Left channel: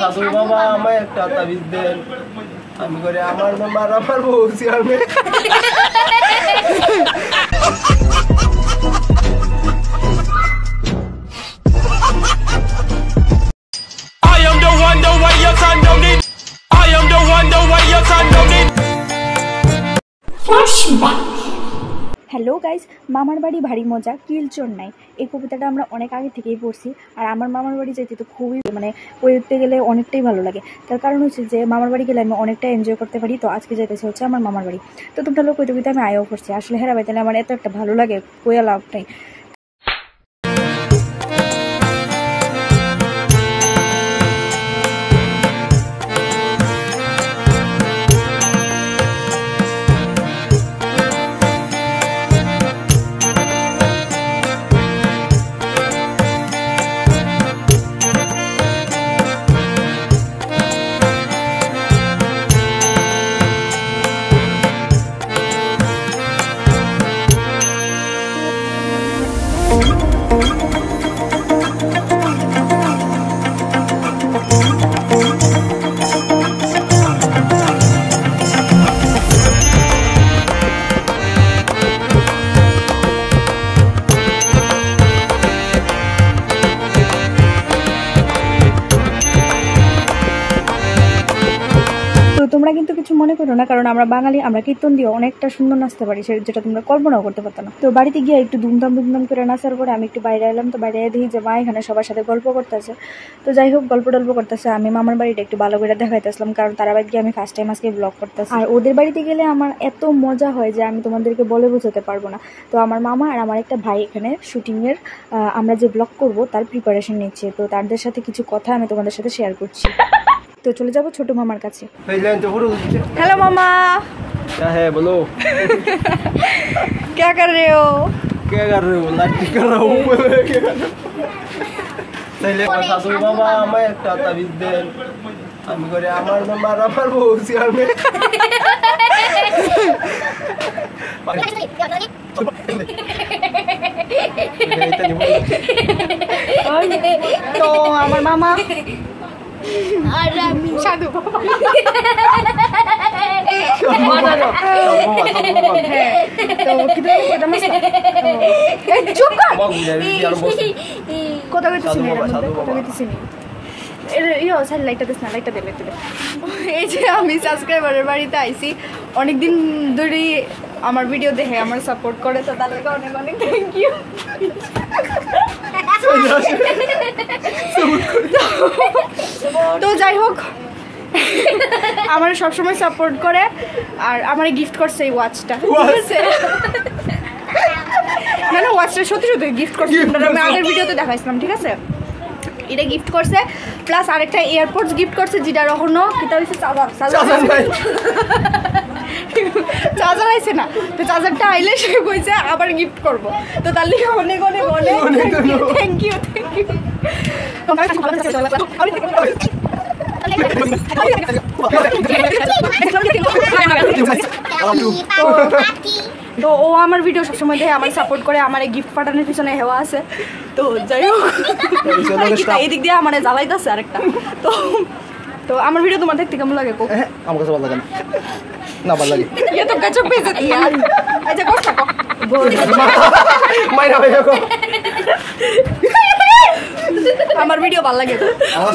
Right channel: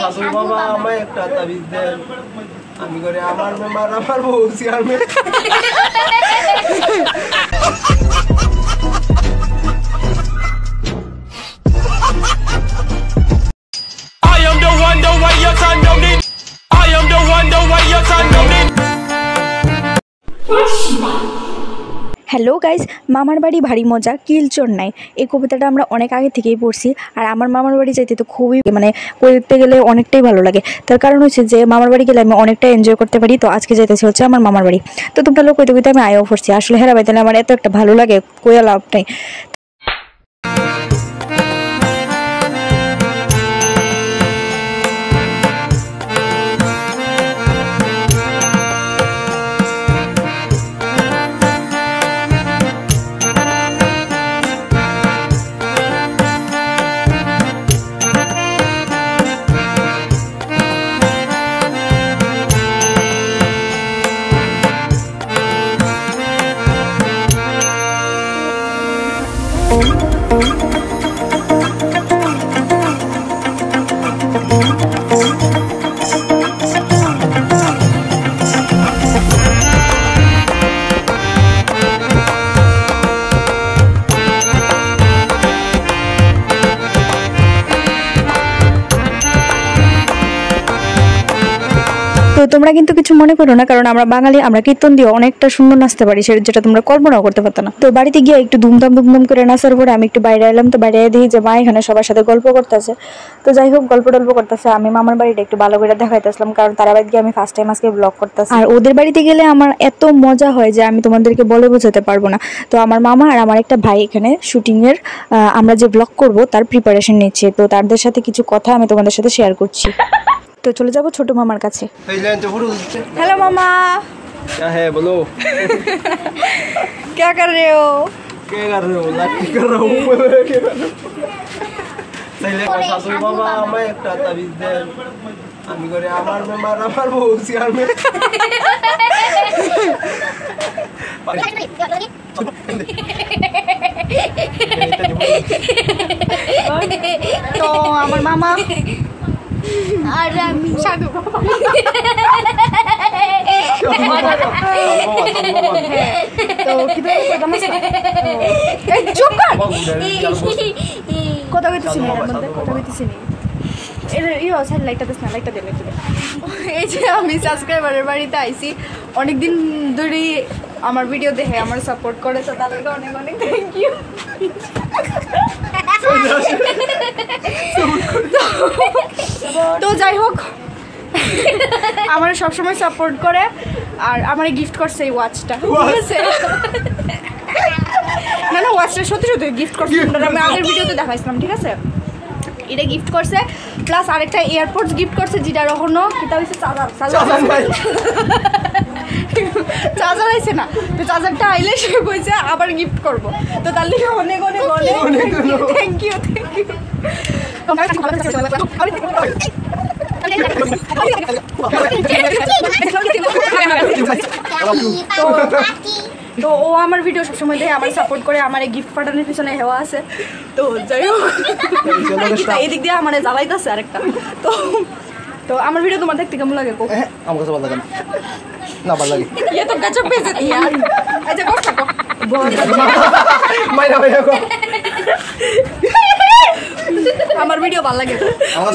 শাশুড়ি বাবা আমায় একটা তাবিজ দেন, আমি করে আমার মেম্বার আমার বউ chairman. I am the one, the way your son don't need. I am the one, the way your son don't need. Hello guys, মামার বাড়ি ভারী মজা কিলচোর নাই, এই কবিতাটা আমরা অনেক আগে থেকেই পড়ছি। আর আমার মামার বাড়ি যাইতে তো খুবই পড়তে গেলে অনেকটাই ভালো লাগে। তার কারণ হচ্ছে যে মামার বাড়ি গেলে আমি অনেকটা এনজয় করতে পারি। তো আজকে যাইতেছি হচ্ছে আমার মামার বাড়ি। তো তোমরা লোক কইতে কইতে আমি আয়ও পড়ছি। আসলে হেরা বাইতে আমার এত একটা ভালো লাগে, কইয়া লাভ নাই। তোমরা কিন্তু কিছু মনে করো না, কারণ আমরা বাঙালি, আমরা কীর্তন দিয়ে অনেকটা সুন্দর নাচতে পারি, যেটা তোমরা কল্পনাও করতে পারতো না। তো বাড়িতে গিয়ে একটু ধুমধাম করে নাচার পরে আমি একটু বাইরে এলাম। তো বাইরে দেখি যে মা এখানে সবার সাথে গল্প করতেছে। তো যাই হোক, গল্প করতেছে। আমি মামার বাড়িটা একটু ভালো করে দেখাইতেছিলাম, কারণ তারা বাড়ি গিয়ে আমি ফার্স্ট টাইম আজকে ব্লগ করতেছি। আর ওদের বাড়িতে গেলে আমার এত মজা হয় যে আমি তোমাদেরকে বলে বোঝাতে পারবো না। তো আমার মামা আর আমার একটা ভাই এখানে শুটিংয়ের আমরা যে ব্লগ করব তার প্রিপারেশন নিচ্ছে। তো তাদের সাথে কিছু কথা আমি তোমাদের সাথে শেয়ার করছি। तो चले जाबो छोटू मामार काछे। हेलो मामा। क्या है बोलो। क्या कर रहे हो? क्या कर रहे हो? लाठी कर रहा हूँ। শাশুড়ি বাবা আমায় একটা তাবিজ দেন, আমি করে আমার মেম্বার আমার বউ চেয়ারম্যান। तो আমার মামা সাধু তো কিভাবে কইতাম না এই চুপ কর কথা কইতেছি না, কথা কইতেছি না। ইয়ো স্যার লাইটটা দেস না, লাইটটা দে। এই যে আমি সাবস্ক্রাইবারের বাড়িতে আইছি, অনেকদিন ধরেই আমার ভিডিও দেখে আমার সাপোর্ট করে, তো তাদেরকে অনেক অনেক থ্যাংক ইউ। তো যাই হোক, আমার সবসময় সাপোর্ট করে আর আমার গিফট করছে এই ওয়াচটা। ঠিক আছে, না ওয়াচটা সত্যি সত্যি গিফট করছে, আমি আগের ভিডিওতে দেখাইছিলাম। ঠিক আছে, এটা গিফট করছে, প্লাস আরেকটা এয়ারপোর্টস গিফট করছে, যেটা এখনো কিতা হয়েছে চার্জার আইছে না। তো চার্জারটা আইলে সে কইছে আবার গিফট করব। তো তার লিগে অনেক অনেক অনেক থ্যাংক ইউ। তো ও আমার ভিডিও সবসময় দেখে আমার সাপোর্ট করে, আমার এই গিফট পাঠানোর পিছনে হেওয়া আছে। তো যাই হোক, এই দিক দিয়ে আমার জ্বালাইতেছে আরেকটা। তো তো আমার ভিডিও তোমার দেখতে কেমন লাগে? আমার কাছে ভালো লাগে না, ভালো লাগে। এত গাছ পেয়েছে ইয়ার। আচ্ছা কষ্ট কর মাইরা ভাই কো আমার ভিডিও ভালো লাগে,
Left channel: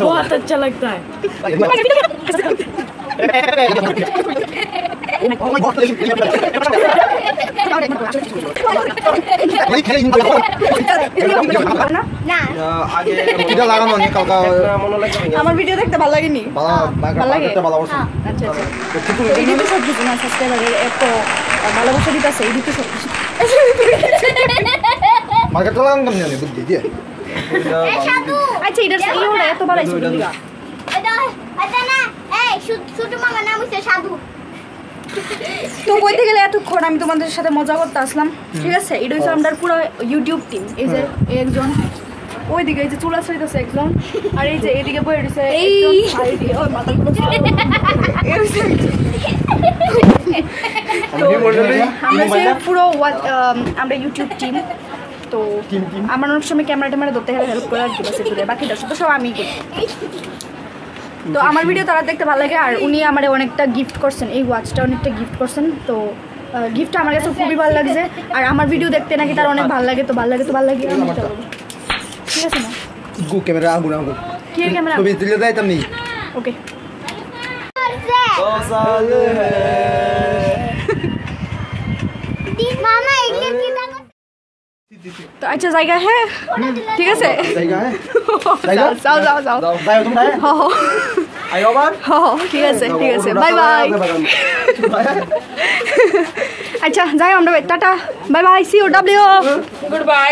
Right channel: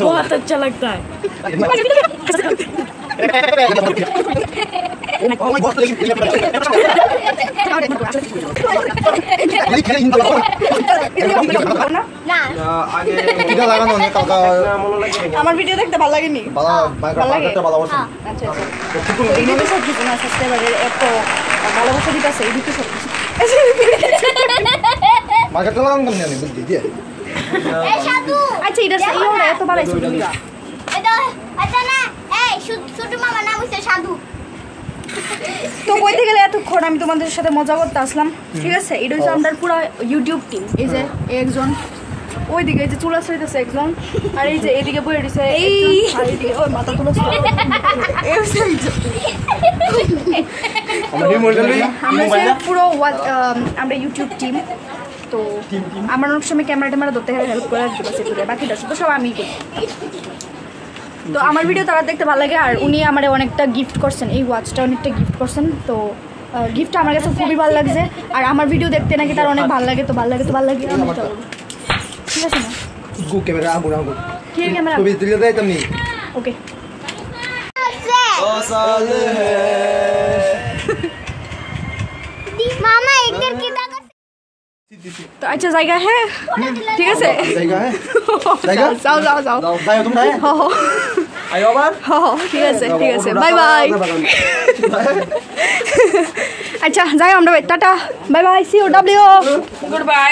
बहुत अच्छा लगता है। আমার ভিডিও দেখতে ভালো লাগেনি? ভালো লাগে। এত ভালোবাসা দিতেছে আচ্ছা এটা এত বাড়াইছে তো কইতে গেলে এতক্ষণ আমি তোমাদের সাথে মজা করতে আসলাম। ঠিক আছে, এটা হচ্ছে আমাদের পুরো ইউটিউব টিম। এই যে একজন ওইদিকে, এই যে চুলা ছড়িতেছে একজন, আর এই যে এইদিকে বই দিছে এই মাথাগুলো। আমরা পুরো আমরা ইউটিউব টিম। তো আমার অনেক সময় ক্যামেরা ট্যামেরা ধরতে হেল্প করে দিতে, বাকিটা শুধু সব আমি করি। তো আমার ভিডিও তারা দেখতে ভালো লাগে আর উনি আমার অনেকটা গিফট করছেন, এই ওয়াচটা অনেকটা গিফট করছেন। তো গিফটটা আমার কাছে খুবই ভালো লাগছে আর আমার ভিডিও দেখতে নাকি তার অনেক ভালো লাগে, তো ভালো লাগে আমি এটা বলবো, ঠিক আছে না? ক্যামেরা আগুন কি ক্যামেরা ছবি তুলে দেয় তুমি। ওকে তো আচ্ছা জায়গা হ্যাঁ ঠিক আছে যাও যাও যাও ঠিক আছে বাই বাই। আচ্ছা যাই আমরা tata bye bye C you W good bye